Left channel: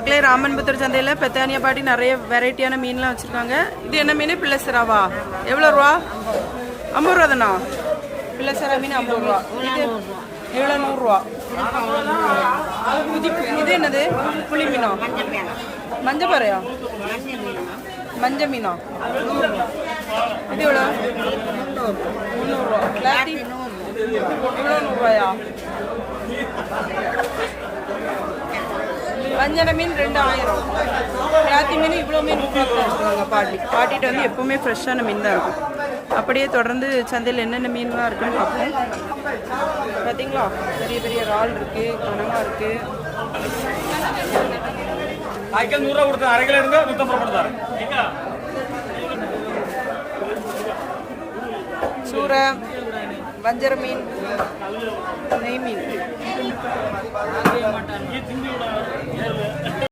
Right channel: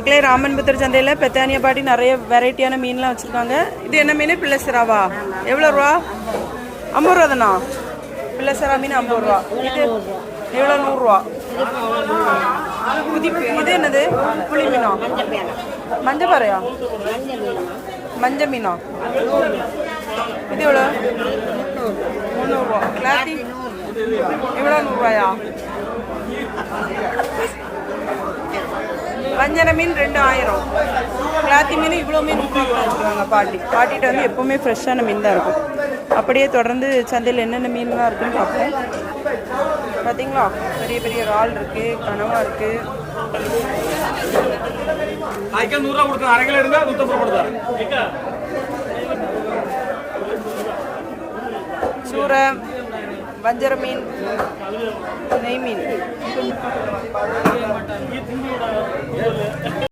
மக்களே, ராமன்புத்தூர் சந்தையில் பெத்தானியா பாட்டி நிறைய வெரைட்டியான மீன்லாம் வச்சுருக்காங்க. இது என்ன மீன்? பிள்ளைசராவா? எவ்வளோ ரூபா? 50 ரூபா தானா? பிள்ளைசரா மீன் 50 ரூபா. இது எவ்வளோ? 100 ரூபா. இது என்னது? புளி மீனா? மஞ்சள் பாறையா? மஞ்சள் மீனா? இது எவ்வளோ? 300 ரூபா. கிளாத்தி இவ்வளோ 100 ரூபாயா? வஞ்சன மீன் 2000. கிளாத்தி மீன் இவ்வளோ மீன் 100 ரூபா வச்சுருக்காங்க பாட்டிகிட்ட வந்து எப்போவுமே ஃப்ரெஷ்ஷான மீன் தான் இருக்கும். அப்படியே தொடர்ந்து சந்தையில் என்னென்ன மீன்லாம் இருக்குன்னு பார்ப்போம். பார்த்தீங்களா, பெரிய பெரிய இறால் இருக்குது, கனவா இருக்குது. சூரை, வஞ்சர மீன், நெய் மீன்.